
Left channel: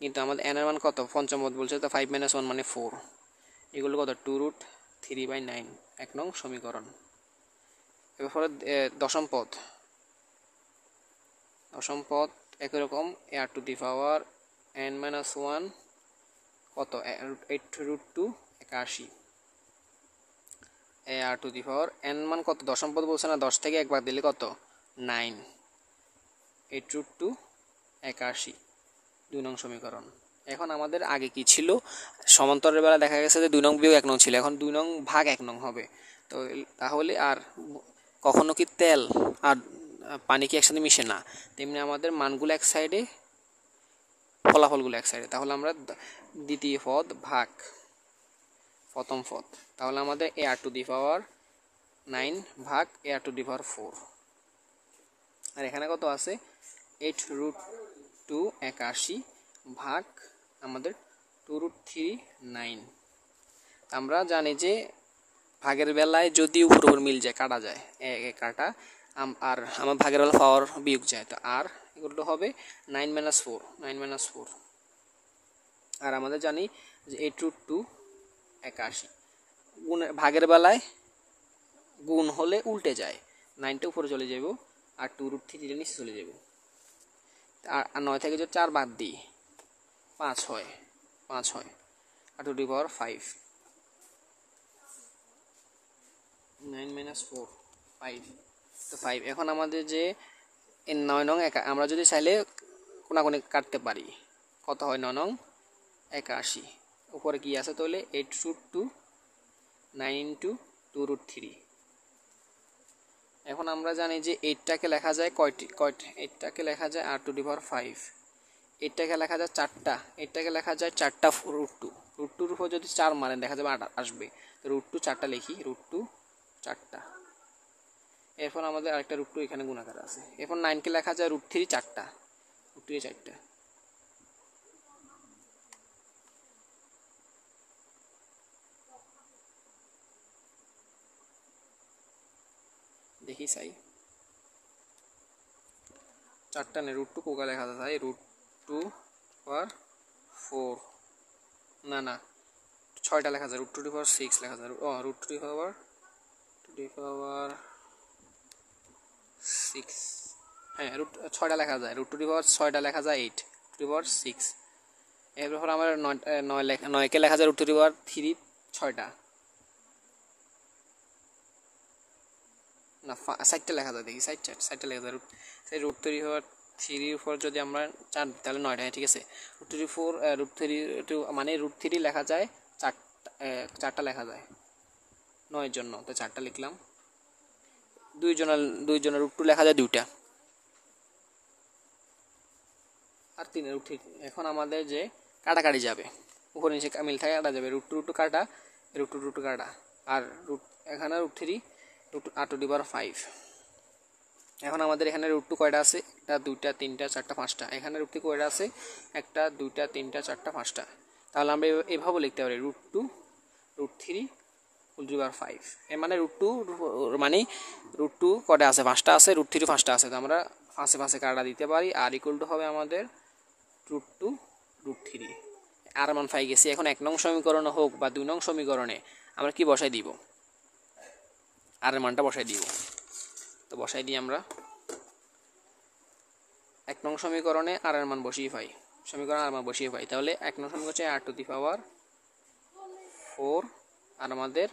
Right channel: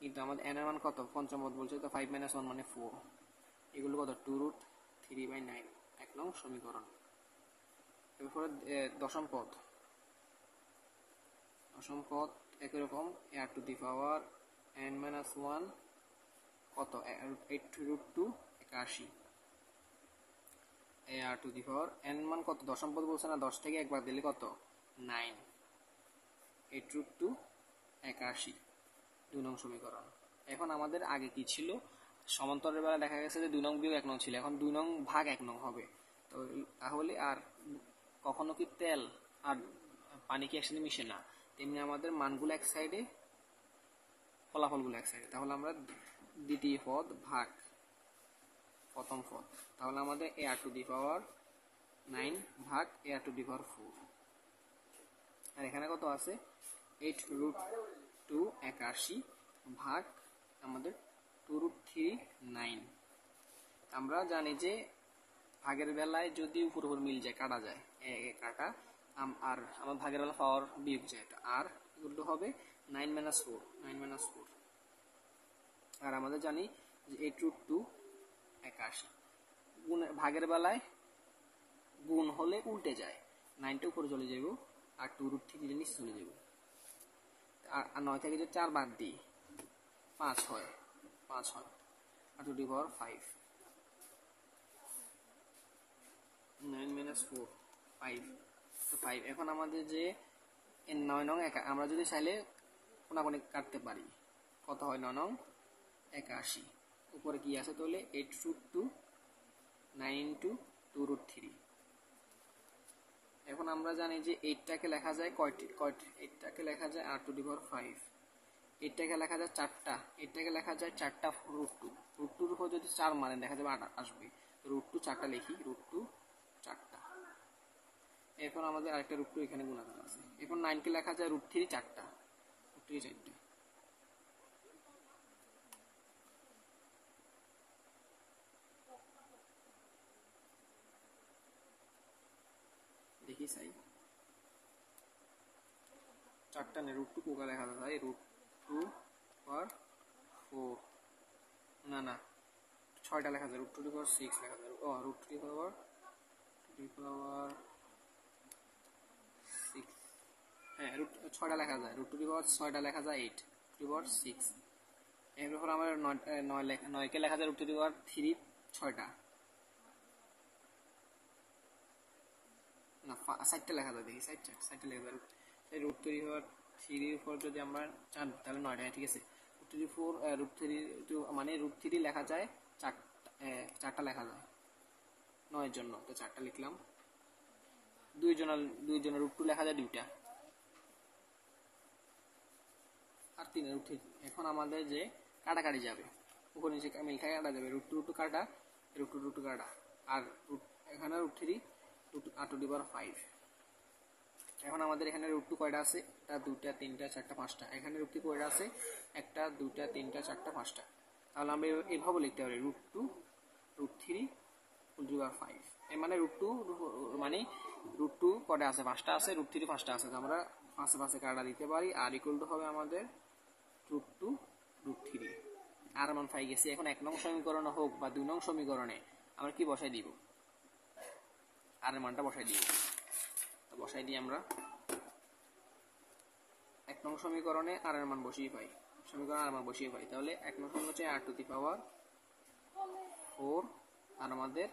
কিন্তু আমাদের n এর মান কত, পঞ্চম পদ বলছে, তো 5 - 1 মানে 4, এগুলো কত, 2√3/9, 1 নং সমীকরণ। এরপরে দশম পদ একই রকম, a r to the power n minus 1 কত, 8√281, a r to the power n মান কত, দশম পদ বলছে না, 10 থেকে 1 বাদ দিলে কত, 9, 8√281, 2 নং সমীকরণ। এখন আমাদের আগে কি ছিল, সমান্তরের বেলা দেখা গেছে যে 2 নং বিয়োগ 1 নং ছিল, এখন 2 নং ভাগ 1 নং হবে। তো তাহলে আর কখনো কি তেল আর পানি কি একসাথে মিশে না, তেমনি আমাদের মানগুলো এক সাইডে, ফলাফলগুলো এক সাইডে। তাহলে আমরা দ্বিতীয় পদ ভাগ প্রথম পদ, তাহলে আমাদের a r to the power 9 ভাগ a r to the power 4, আর এখানে কত আছে, 8√281 ভাগ আমাদের 2√3/9। আমরা জানি যে ভাগের বেলায় যদি উপর মিল যায়, কাটা যায়, কাটা, আর আমার ভাগের বেলা পাওয়ার বিয়োগ যায়, তো আর এগুলো হবে 9 - 4, আর আমাদের জানি যে 8√281 ভাগের বেলায় গুণ হলে উল্টে যায়, 9টা উপরে চলে যাব আর 2√3 নিচে চলে যাব, আর 9 থেকে যদি 4 বাদ দিই 5 হয়, আর 2 টু দি পাওয়ার 5, 9 - 4 5, তো 5। এখন আমাদের যে 9 নং আমরা যদি চাইলে কোনাকুনি কাটতে পারি, কত হয়, 9 নং 81, উপরে কি আছে, তাহলে 8√2/9 ইন্টু 2√3। এখন আমরা জানি যে 8টাকে লেখা যায় কয়টি, 8টাকে লেখা যায় r টু দি পাওয়ার 5, 8টাকে লেখা যায় 4টা, 8টাকে লেখা যায় 4টা √2, √2-র উপর যদি 4 মানেন দেখা যাবে 8 আসবে, √2 4টা লিখি, √2 4টা। এরপর আমাদের আরেকটা √2 এখানে গুণাকার আছে। এরপর 9কে লেখা যায় √3 4টা, √3 4টা। লিখি চাই, 4টা নেই, √2 কোকা লেখা যায়, √2 পাওয়ার 4, না 6টা লেখা যায়, √2 পাওয়ার 6 লেখা যায়, √2 পাওয়ার 6, হ্যাঁ 6টা লেখা যায়, √2 পাওয়ার 6টা লেখা যায় 8, √2 পাওয়ার 6। এরপর আমার 9কে লেখা যায় √2 পাওয়ার 3, 6টা, না 4টা লেখা যায়, দেখি 4টা লেখা যায়, √3 পাওয়ার 3 উপর যদি আমরা 4 তাহলে 9টা, ঠিক আছে। √3 মানে √3 লেখা যায় 4টা লেখা যায় 9 জন্য, তো 4টা লিখলাম। 2 জনের √2 লেখা যায় 2টা, আর 3 √3। এখন আমাদের যে কাটাকাটি যাবে, উপরে নিচে মিল থাকে কাটা যাবে, √2 কাটা, √2 কাটা, আর এখানে √3 √8 5। এখন আমাদের এখানে √2 কয়টা আছে, 1 2 3 4 5টা, এখানে √3 কয়টা আছে, 1 2 3 4 5টা। তাহলে আমরা এভাবে লিখতে পারি √2 √3 5। এর মানে √2 মানে √2 কয়টা আছে, 5টা আছে, √3 5টা আছে, তো আমরা পাশে কাটা দিতে পারি, আর ইকুয়াল টু হবে আমাদের √2 √3। আর মান পাই গেছি। এখন 1 নং সমীকরণে হোক বা 2 নং সমীকরণে আমরা কি বসাই দিব, আর এর মানটা বসাই দিব। তো বসাই দিই আমরা 1 নং সমীকরণে আর এর মান বসিয়ে পাই, তাহলে 1 নং সমীকরণ হচ্ছে r⁴ আর আমাদের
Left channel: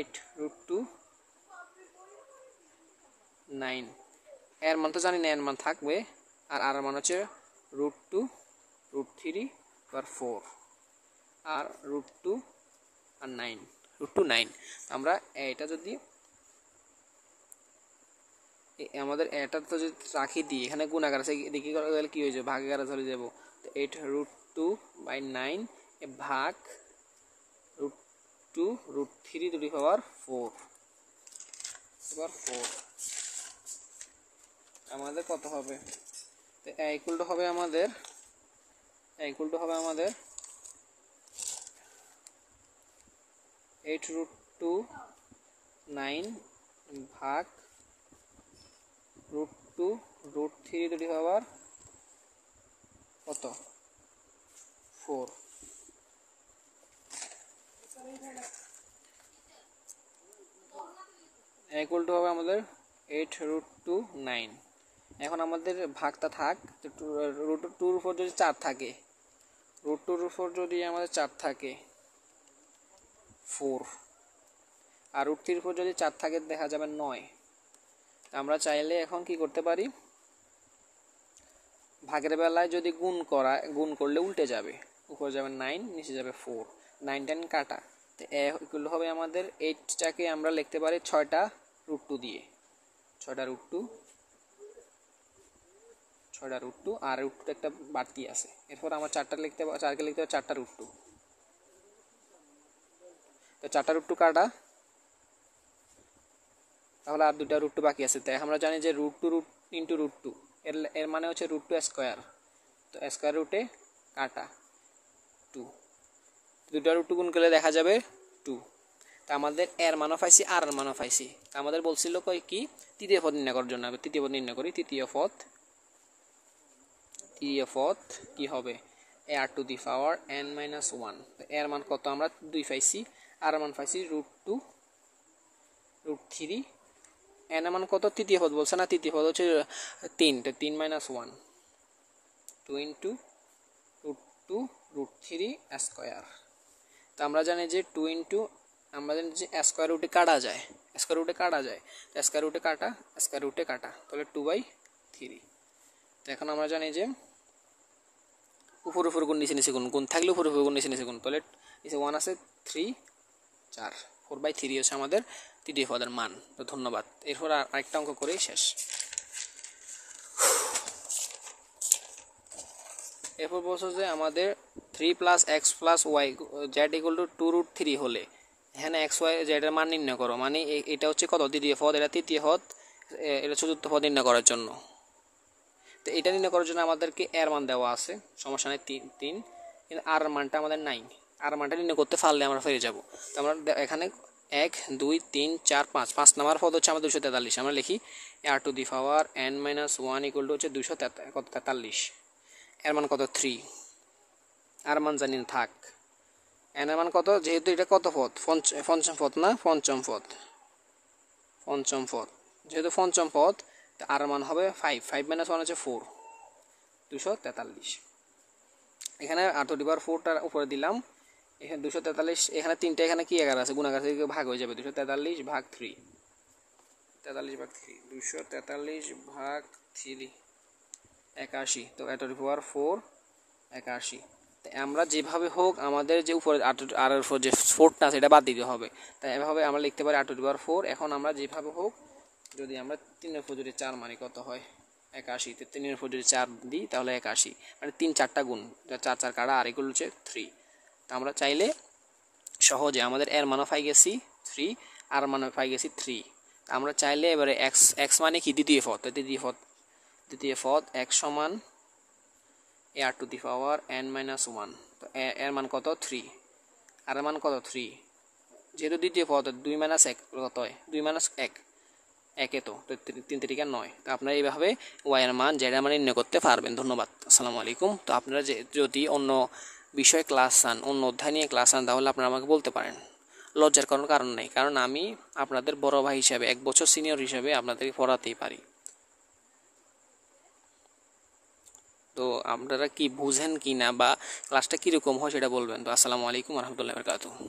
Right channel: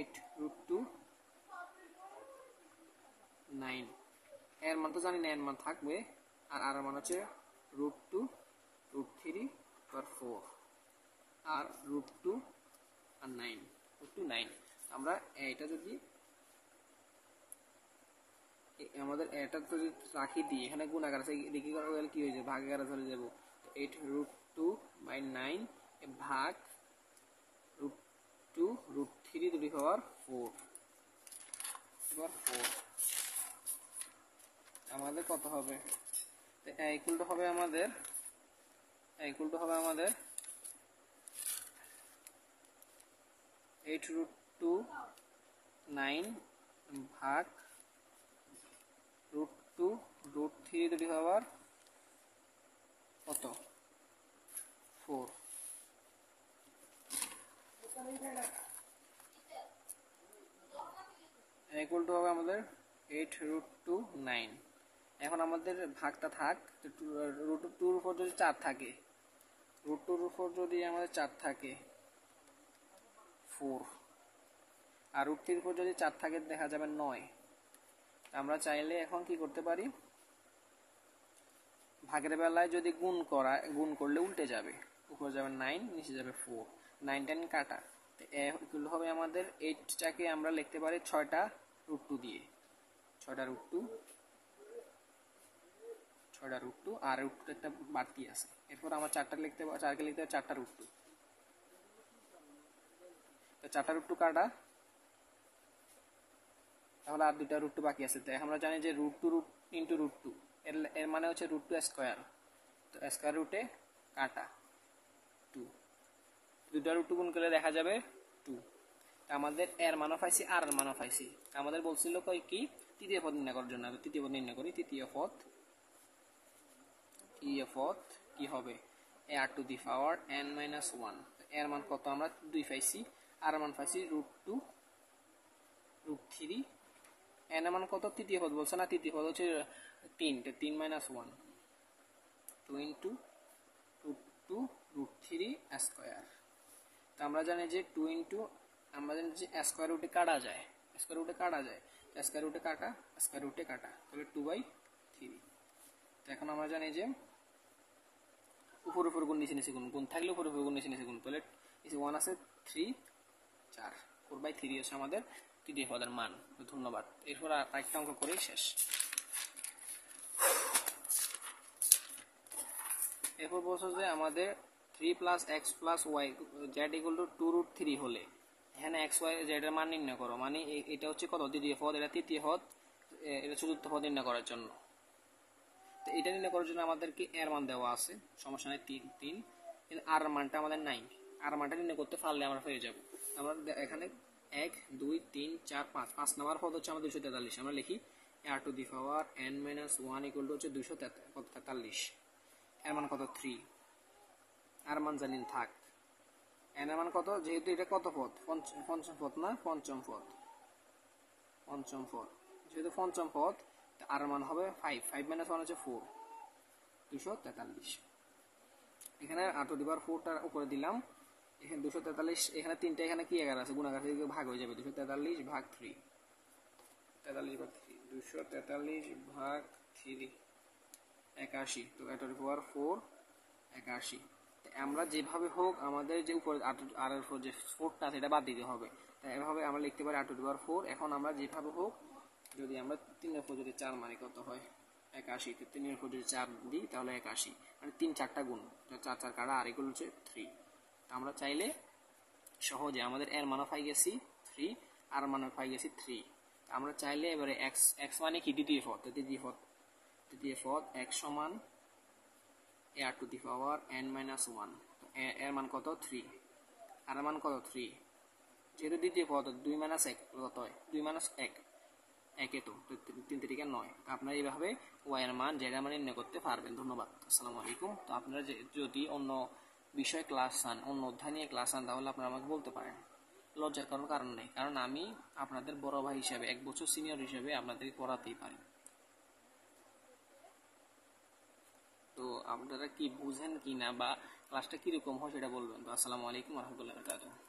8√2 9, এর মান তো জানি না, এর মান থাকবে, আর আর মান হচ্ছে √2 √3 4, আর √2 আর 9, √2 9। আমরা এটা যদি আমাদের এটা তো যদি রাখি দিই, এখানে গুণাকার আছে, দেখি গেলে কি হয়ে যাবে, ভাগাকারে চলে যাব। তো 8√2/9 ভাগ √2 √3 4 এবার 4 আমাদের কত হবে, ইকুয়াল টু হবে আমাদের 8√2/9 ভাগ √2 √3 কত 4, ইকুয়াল টু হবে আমাদের 8√2/9। এখন আমাদের ভাগটা থাক, √2 উপর যদি 4 থাকে, √2 উপর যদি আমাদের 4 থাকে 4, আর √3 উপর যদি 4 থাকে দেখা যাবে 9। আমরা চাইলে এখন কি করতে পারি, ভাগের বেলায় যদি গুণ করলে উল্টে যাবে, উপরে যাবে 9, নিচে যাবে 4, 9 10 কাটা। তো এগুলো হবে আমাদের 8টাকে আমরা লিখতে পারি 6টা √2 দিয়ে, 6টা √2 আর √2 একটা বাড়তি আছে। এরপর আমরা 4কে লিখতে পারি 4টা √2, তো 4টা √2 কাটা, তাহলে আর 2টা √2 বাকি আছে। তাই আমরা জানি যে √2 ইন্টু √2 এর মানে হচ্ছে √2 স্কয়ার, তো স্কয়ার রুটে কাটা 2, 2টা √2 গুণ করলে দেখা যাবে 2। তা আমাদের এর মানও পাইছি, আর এর মানও পাইছি। তা আমাদের বলছিল কি তৃতীয় পদ নির্ণয় করার জন্য, তৃতীয় পদ নির্ণয় করি। তৃতীয় পদ কি হবে, r⁴n-1। এর মান কত, আমরা 2 পাইছি, আর এর মান পাইছি √2 √3, এন এর মান কত, তৃতীয় পদ বলছে না, তৃতীয় পদ হচ্ছে 3, তো 3 - 1 2 ইন্টু √2 √3 স্কয়ার। তো আমরা জানি যে 2 ইন্টু, আমরা জানি যে স্কয়ার রুটে কাটা যায়, স্কয়ার রুটে কাটা, তাহলে 2/3। তো এখন আমরা জানি যে উপর গুণ নিচে গুণ থাকলে উপর গুণ নিচে গুণ, তাহলে 1 আছে 3 4, 4/3 হচ্ছে আমাদের তৃতীয় পদের মান। তো ধন্যবাদ। এরপর আরেকটা অঙ্ক করেই শেষ। এরপর বলছো যে আমাদের 3 + x + y z = 2√3 হলে এখানে x y z এর মান নির্ণয় করো। মানে এটা হচ্ছে কত, দ্বিতীয় পদ, এটা তৃতীয় পদ, এটা চতুর্থ পদ নির্ণয় করার জন্য। তো এটা নির্ণয় করার জন্য আমাদেরকে এর মান দেওয়া আছে, সমস্যা নাই 3, কিন্তু আর মানটা আমাদের নাই। আর মানটা নির্ণয় করতে পারলে আমরা ফিরে যাব। তো আমরা এখানে 1 2 3 4 5 5 নাম্বার পদ হচ্ছে আমাদের 243। আমরা লিখি r⁻n−1 ইকুয়াল টু হচ্ছে 243। এর মান কত 3, আর মান জানি না থাক। এন এর মান কত, যেহেতু এটা কত পদ, পঞ্চম পদ না, পঞ্চম পদ, পঞ্চম পদ, যেহেতু পঞ্চম পদ আর মান হবে 5, 5 - 1 হচ্ছে 4, 243। এখানে r⁴টার উপরে দিলাম, এখানে 243, এখানে তিনটা, এখানে কি এগার আছে, গুণাগার থেকে ভাগ হয়ে যাবে, 243 ভাগ 3, 43 ভাগ 3, 243 ভাগ 3 81। তো r⁴ 81। আমরা যেভাবে হোক আমাদের যে উপরে আর এর উপর যে 4টা সেটা বাদ দিতে হবে, তাই এভাবে আমরা লিখতে পারি r⁴। এখন আমরা যেভাবে হোক, যদি আমরা 3 এর উপর যদি 4 মানে কত হয় 81, 3 এর উপর যদি 4 দিই তাহলে 81, মানে 3 4টা গুণ, 4 4 কাটা, আর এগুলো হচ্ছে 3। তা আমরা চাইলে সহজে আমাদের এর মানও পাই গেছি 3, আর মানও পাই গেছি 3। আমরা চাইলে এবারে x মানে কি দ্বিতীয় পদ, দ্বিতীয় পদ x সমান r⁴n−1। তো এর মান কত 3, আর এর মান কত 3, যেহেতু দ্বিতীয় পদ 2 - 1 কত হয়, 2 - 1 একে, তো 3 3 9। তো আপনারা এইভাবে y এর মান, z এর মান নির্ণয় করতে পারবেন। ধন্যবাদ, আসসালামু আলাইকুম। তো আপনারা যদি অন্য বিষয়ে ক্লাস চান, অন্য অধ্যায় নিয়ে ক্লাস চান, তাহলে আপনারা আমাকে বলতে পারেন, লজ্জার কোনো কারণ নেই, কারণ আমি আপনাদের বড় ভাই হিসাবে, 1 বছর সিনিয়র হিসাবে আপনাদেরকে পড়াতেই পারি। তো আপনারা কি বুঝেন কি না, বা ক্লাসটা কীরকম হয় সেটা বলবেন। তো আসসালামু আলাইকুম রহমতুল্লাহি ওয়া বারাকাতুহু।